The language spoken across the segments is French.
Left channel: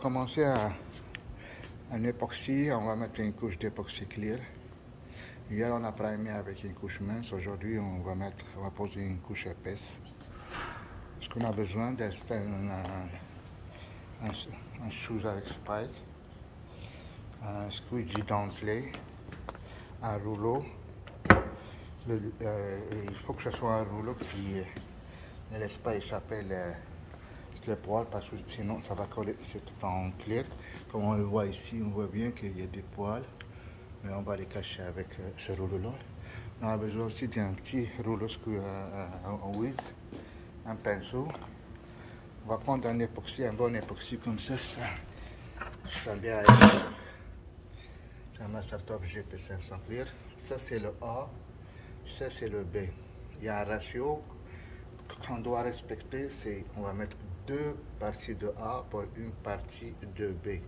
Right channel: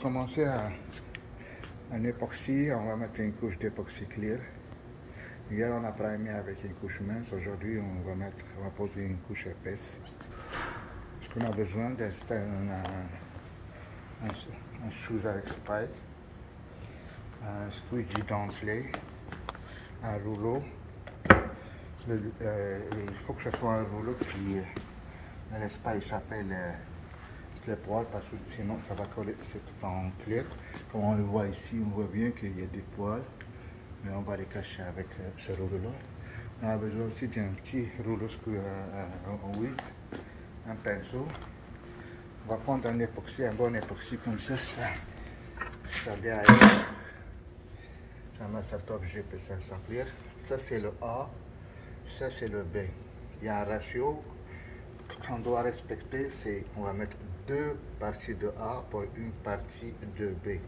Commencer un époxy, on va mettre une couche d'époxy clear. Hier on a primé avec une couche mince, aujourd'hui on va poser une couche épaisse. Ce qu'on a besoin, c'est un shoes avec spike, un squeegee dentelé, un rouleau. Il faut que ce soit un rouleau qui ne laisse pas échapper les poils parce que sinon ça va coller, c'est tout en clair. Comme on le voit ici, on voit bien qu'il y a des poils, mais on va les cacher avec ce rouleau-là. On a besoin aussi d'un petit rouleau en whiz, un pinceau. On va prendre un époxy, un bon époxy comme ça, ça bien c'est un Master Top GP 500 clear. Ça c'est le A, ça c'est le B. Il y a un ratio qu'on doit respecter, c'est on va mettre 2 parties de A pour une partie de B.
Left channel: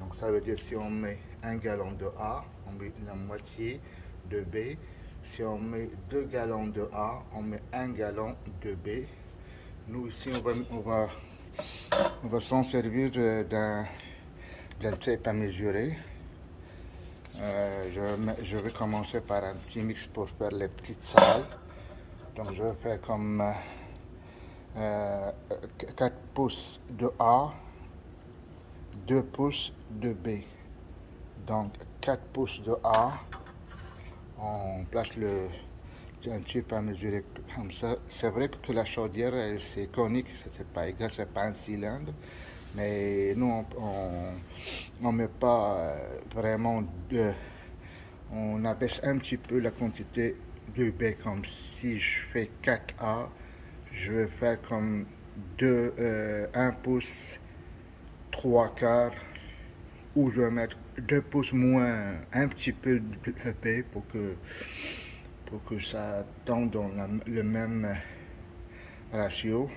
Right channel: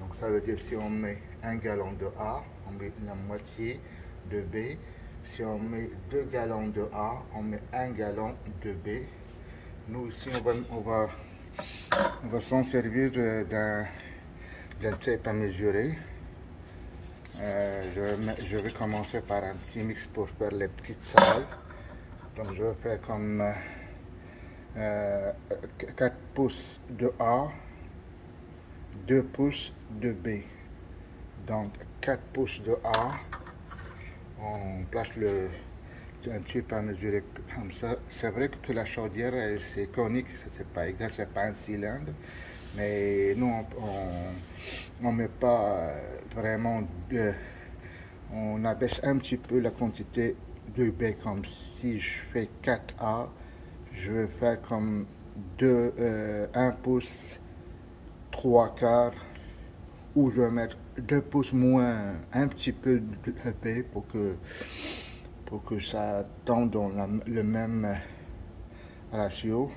Donc ça veut dire si on met 1 gallon de A, on met la moitié de B. Si on met 2 gallons de A, on met 1 gallon de B. Nous ici on va s'en servir d'un tape à mesurer. Je vais commencer par un petit mix pour faire les petites salles. Donc je vais faire comme 4 pouces de A, 2 pouces de B. Donc 4 pouces de A, on place un tube à mesurer comme ça. C'est vrai que la chaudière c'est conique, c'est pas égal, c'est pas un cylindre. Mais nous on met pas vraiment on abaisse un petit peu la quantité de B, comme si je fais 4A, je vais faire comme 1 pouce 3 quarts, ou je vais mettre 2 pouces moins un petit peu de B pour que ça tombe dans le même ratio.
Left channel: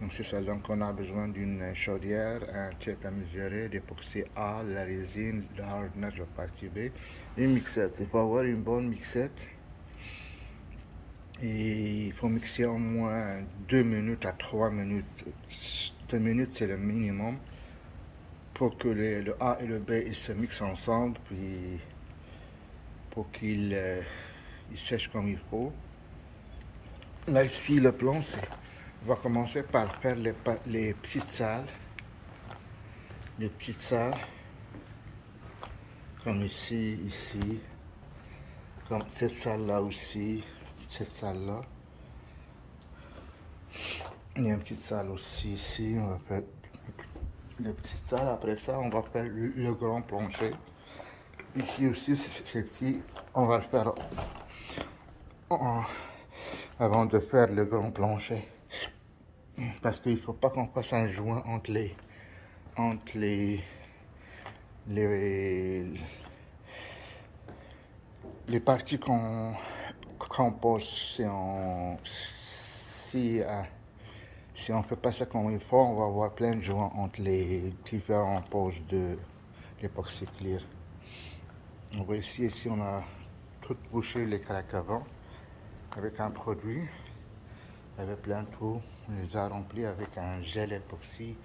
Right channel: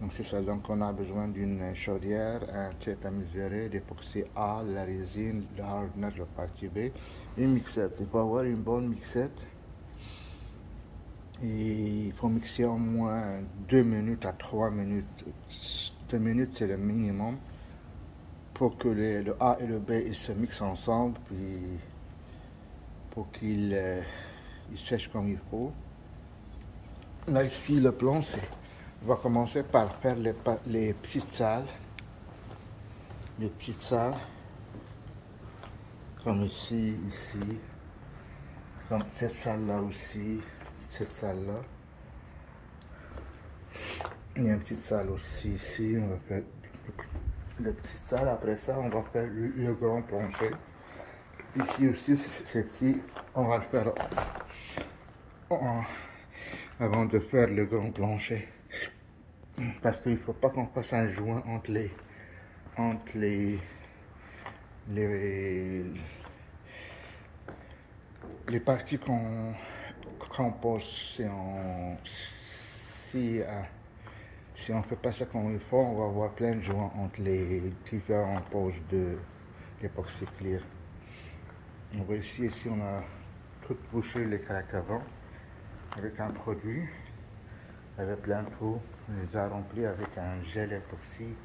Donc c'est ça, donc on a besoin d'une chaudière, un tape à mesurer, d'époxy A, la résine, le hardener, la partie B, une mixette. Il faut avoir une bonne mixette. Et il faut mixer au moins 2 minutes à 3 minutes. 2 minutes c'est le minimum pour que le A et le B ils se mixent ensemble, puis pour qu'ils sèchent comme il faut. Là ici le plan c'est... On va commencer par faire les petites salles. Les petites salles. Comme ici, comme cette salle-là aussi, cette salle-là. Il y a une petite salle aussi ici. On va faire les petites salles. Après ça, on va faire le grand plancher. Ici aussi, c'est petit. On va le faire avant de faire le grand plancher. Parce qu'il ne faut pas qu'on fasse un joint entre les parties qu'on pose. Si on ne fait pas ça comme il faut, on va avoir plein de joints entre les différentes poses de l'époxy clear. On voit ici on a tout bouché les craques avant avec un produit. Il y avait plein de trous, on les a remplis avec un gel époxy,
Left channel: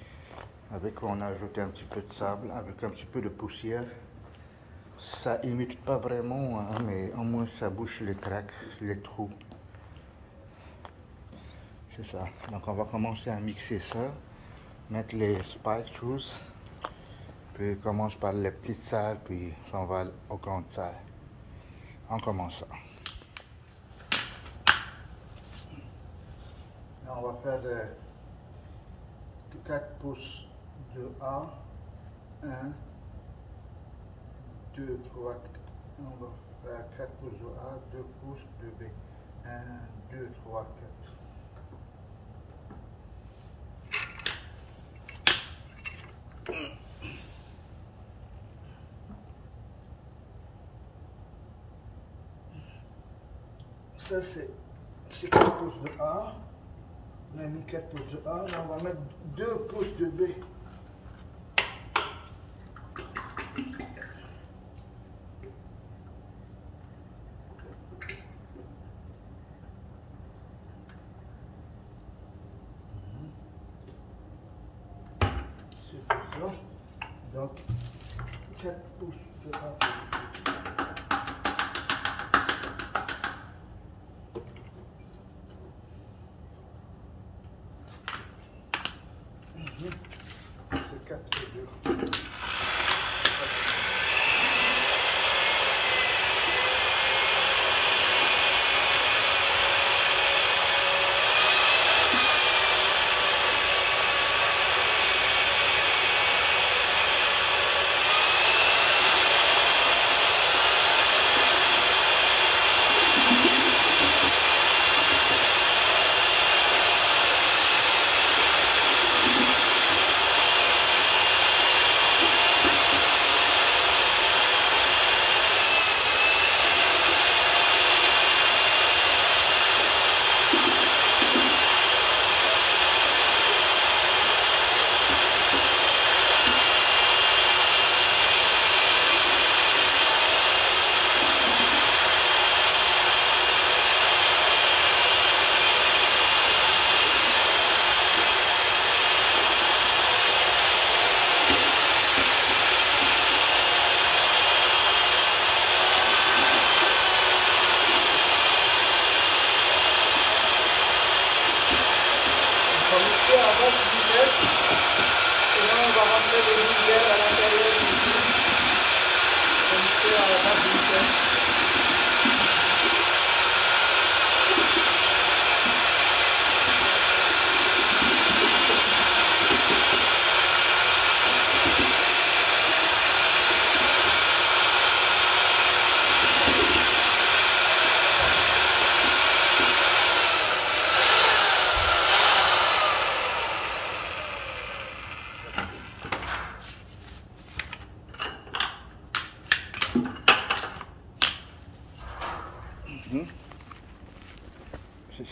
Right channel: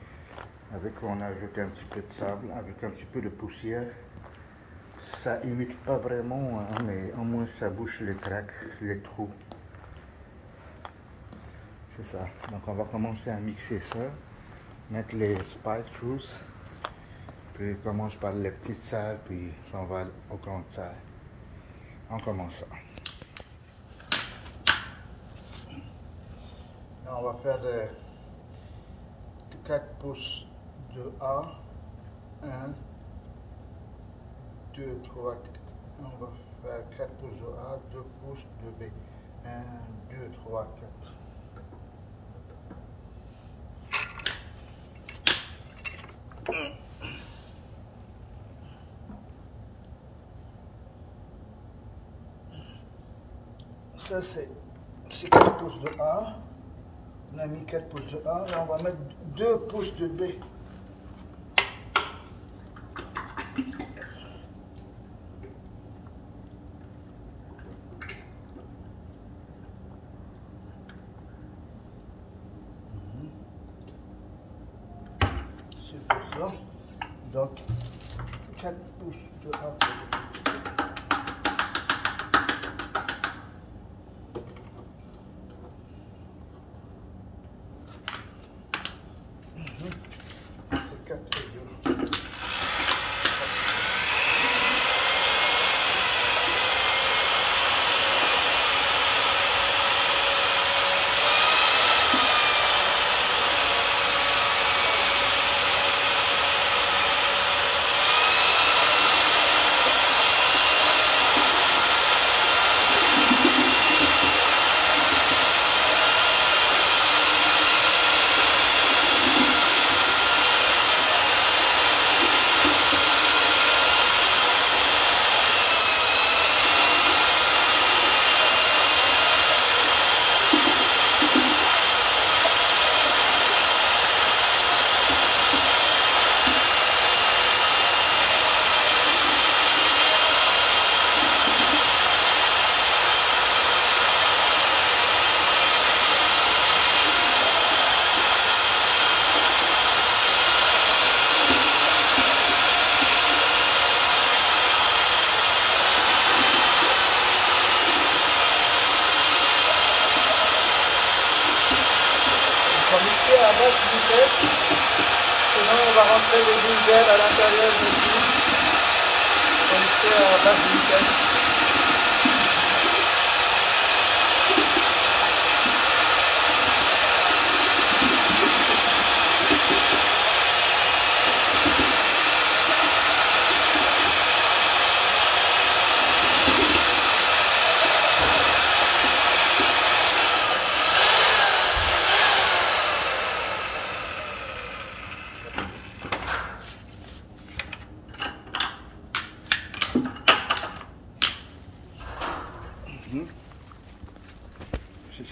on a ajouté un petit peu de sable, avec un petit peu de poussière. Ça imite pas vraiment, hein, mais au moins ça bouche les craques, les trous. C'est ça. Donc on va commencer à mixer ça, mettre les spike shoes, puis on commence par les petites salles, puis on va aux grandes salles. On commence ça. Là, on va faire 4 pouces de A, 1, 2, 3, on va faire 4 pouces de A, 2 pouces de B, 1, 2, 3, 4. Ça c'est 4 pouces de A. On a mis 4 pouces de A. Là on va mettre 2 pouces de B. Donc 4 pouces de A. C'est 4 et 2. Mixer à basse vitesse, sinon on va rentrer le diesel à l'intérieur du tube. Mixer à basse vitesse.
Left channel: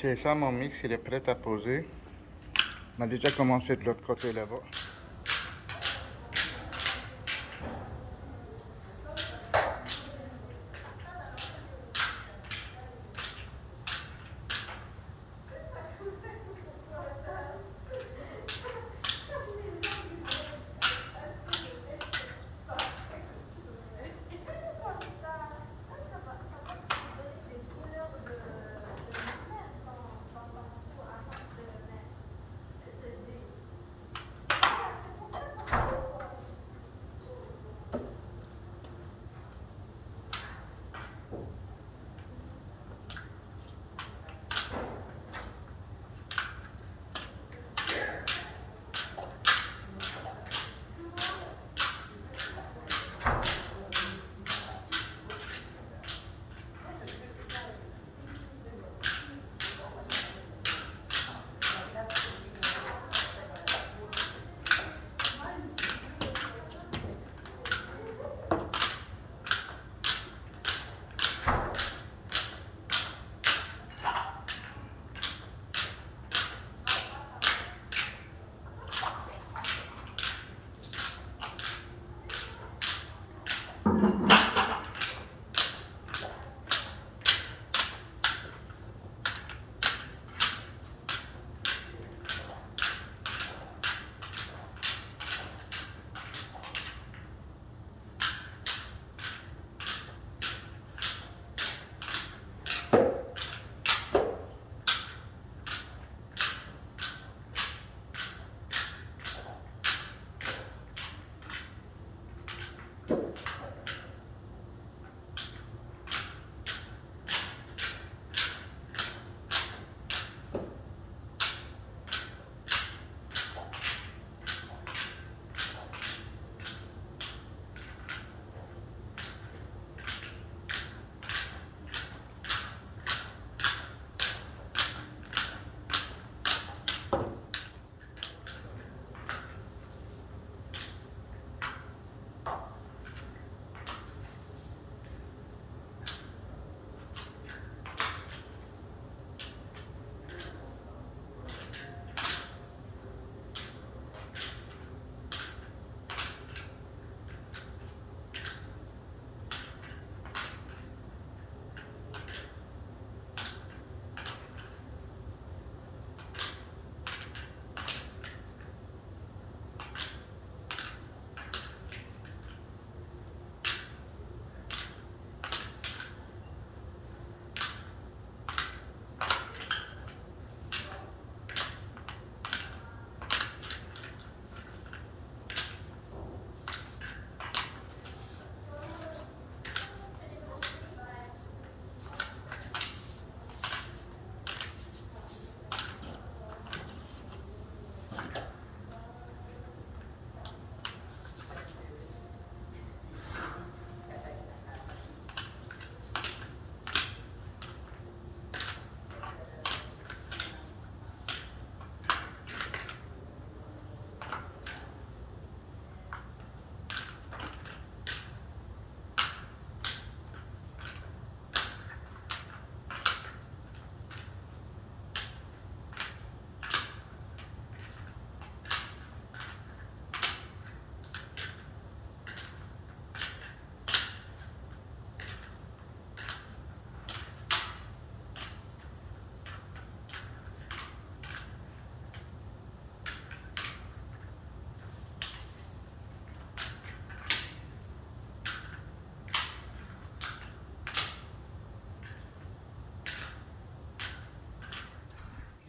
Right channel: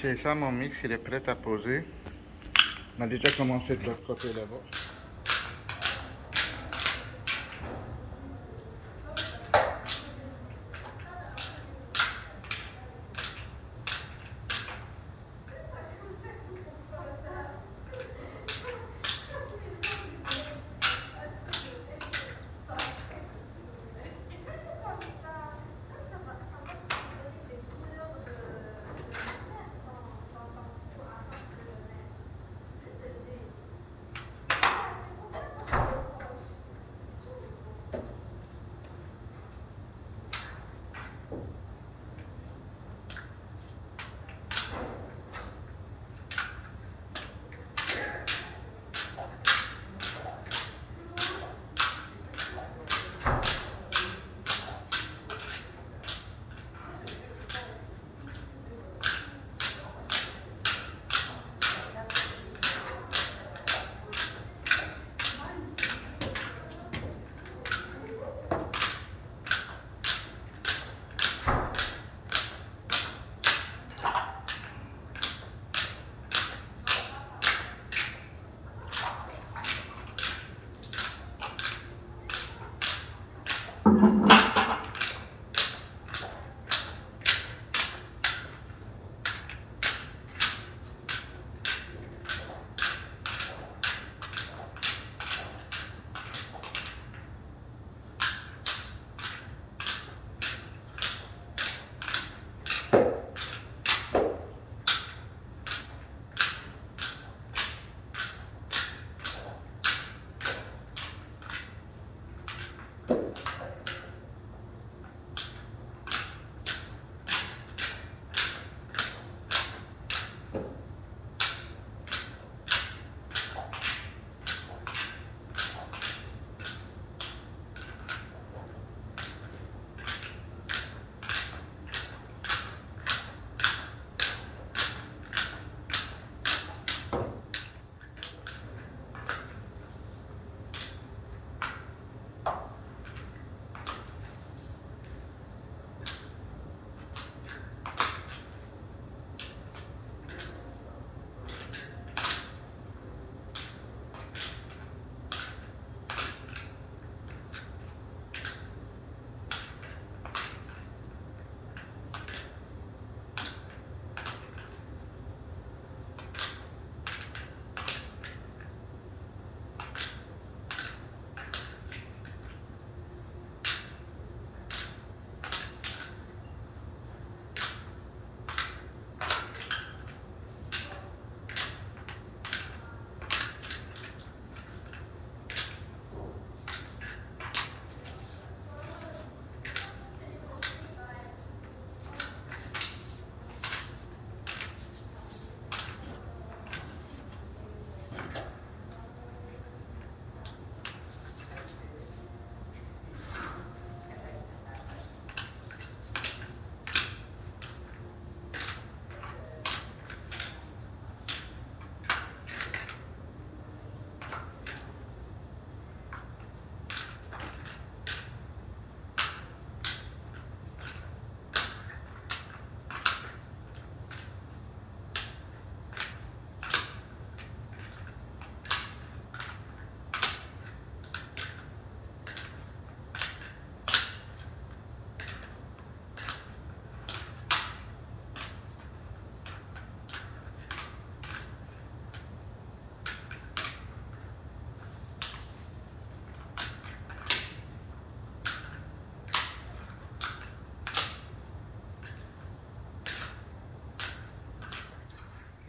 C'est ça, mon mix, il est prêt à poser. On a déjà commencé de l'autre côté là-bas.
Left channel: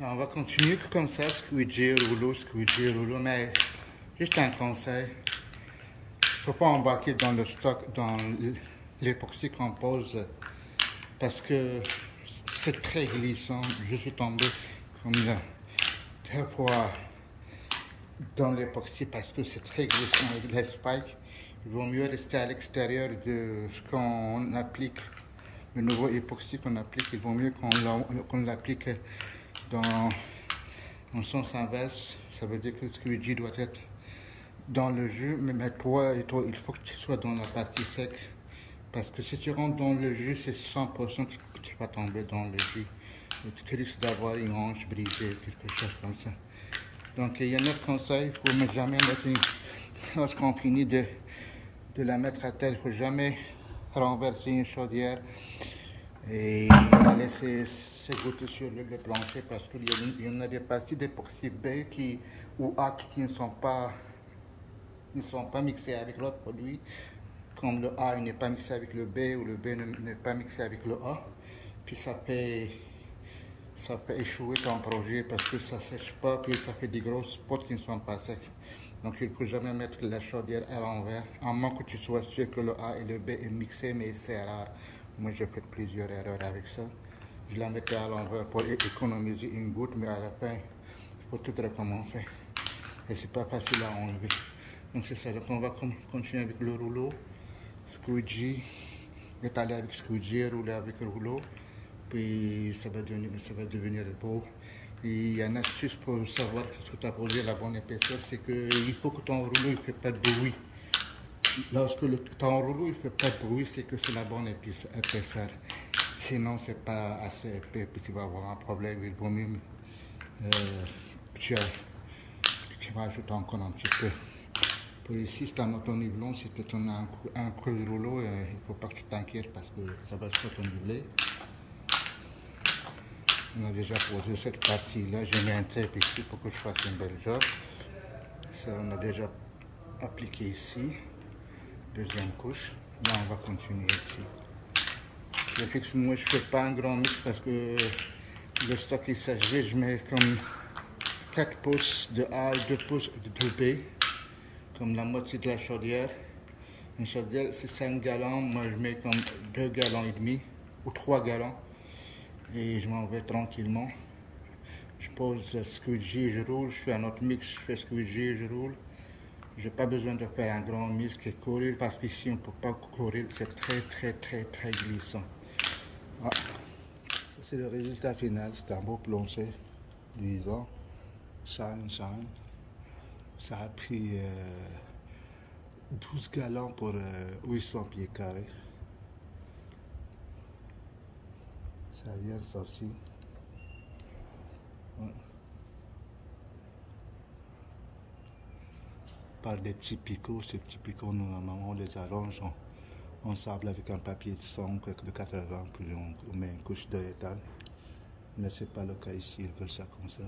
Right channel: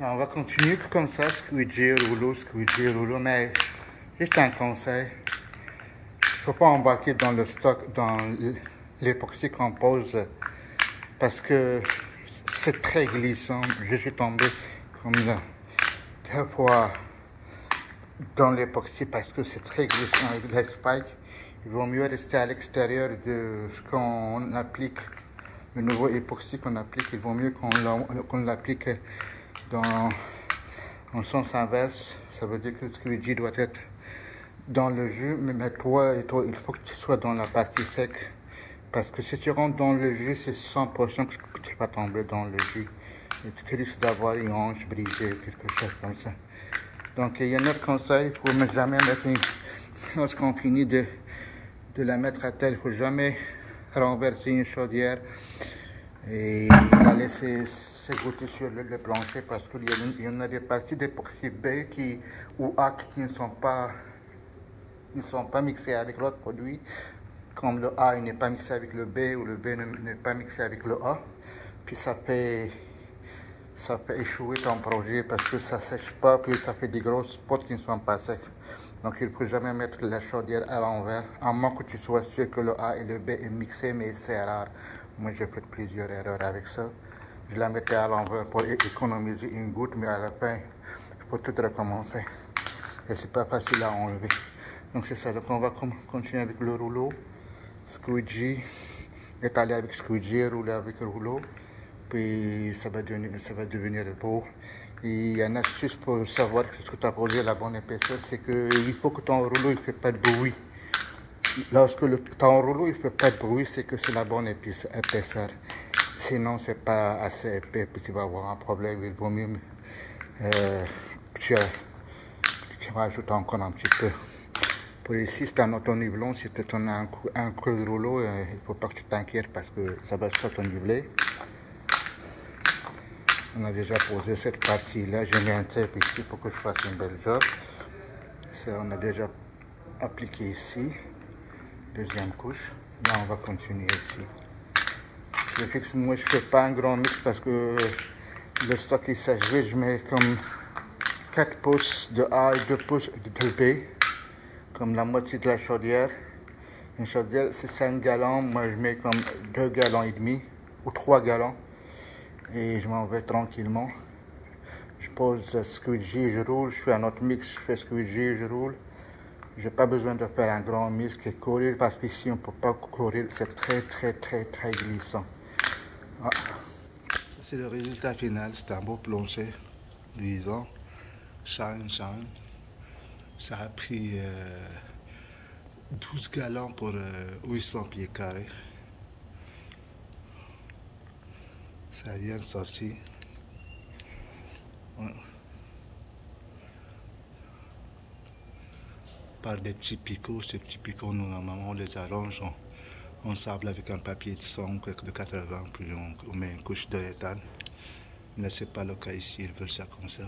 On va continuer comme ça, squeegee, rouleau, mais juste un conseil. Il ne faut pas embarquer dans le stock, dans l'époxy qu'on pose, parce que c'est très glissant. Je suis tombé comme là, 2 fois dans l'époxy parce que c'est très glissant avec les spikes. Il vaut mieux rester à l'extérieur de ce qu'on applique, le nouveau époxy qu'on applique. Il vaut mieux qu'on l'applique en sens inverse. Ça veut dire que le squeegee doit être dans le jus, mais toi, il faut que tu sois dans la partie sec. Parce que si tu rentres dans le jus, c'est 100% que tu vas tomber dans le jus. Et tu risques d'avoir une hanche brisée ou quelque chose comme ça. Donc il y a un autre conseil, il ne faut jamais mettre lorsqu'on finit de la mettre à terre, il ne faut jamais renverser une chaudière et la laisser s'égoutter sur le plancher parce qu'il y en a des parties d'époxy B ou A qui ne sont pas mixées avec l'autre produit. Comme le A n'est pas mixé avec le B ou le B n'est pas mixé avec le A, puis ça fait échouer ton projet parce que ça ne sèche pas, puis ça fait des grosses spots qui ne sont pas secs. Donc il ne faut jamais mettre la chaudière à l'envers, à moins que tu sois sûr que le A et le B est mixé, mais c'est rare. Moi j'ai fait plusieurs erreurs avec ça. Je la mettais à l'envers pour économiser une goutte, mais à la fin, il faut tout recommencer. Et c'est pas facile à enlever. Donc c'est ça, donc on va continuer avec le rouleau. Squeegee, étaler avec squeegee, rouler avec rouleau. Puis ça va devenir beau. Et il y a une astuce pour savoir ce que tu as posé la bonne épaisseur, c'est qu'il faut que ton rouleau ne fait pas de bruit. Lorsque ton rouleau ne fait pas de bruit, c'est que c'est la bonne épaisseur. Sinon, c'est pas assez épais, puis tu vas avoir un problème. Il vaut mieux tu rajoutes encore un petit peu. Pour ici, c'est un auto-nivelon. Si tu as un creux de rouleau, il ne faut pas que tu t'inquiètes parce que ça va s'auto-niveler. On a déjà posé cette partie-là. J'ai mis un tape ici pour que je fasse une belle job. Ça, on a déjà appliqué ici. Deuxième couche. Là, on va continuer ici. Je fixe, moi, je ne fais pas un grand mix parce que le stock est saturé. Je mets comme 4 pouces de A et 2 pouces de B. Comme la moitié de la chaudière. Une chaudière, c'est 5 gallons. Moi, je mets comme 2 gallons et demi ou 3 gallons. Et je m'en vais tranquillement. Je pose squeegee, je roule. Je fais un autre mix, je fais squeegee, je roule. Je n'ai pas besoin de faire un grand mix et courir parce qu'ici, on ne peut pas courir. C'est très glissant. Ah. Ça, c'est le résultat final. C'est un beau plancher luisant. Shine. Ça a pris 12 gallons pour 800 pieds carrés. Ça vient de sortir. Ouais. Par des petits picots. Ces petits picots, nous, normalement, on les arrange. On sable avec un papier de 100 de 80, puis on met une couche de éthane. Mais ce n'est pas le cas ici, ils veulent ça comme ça.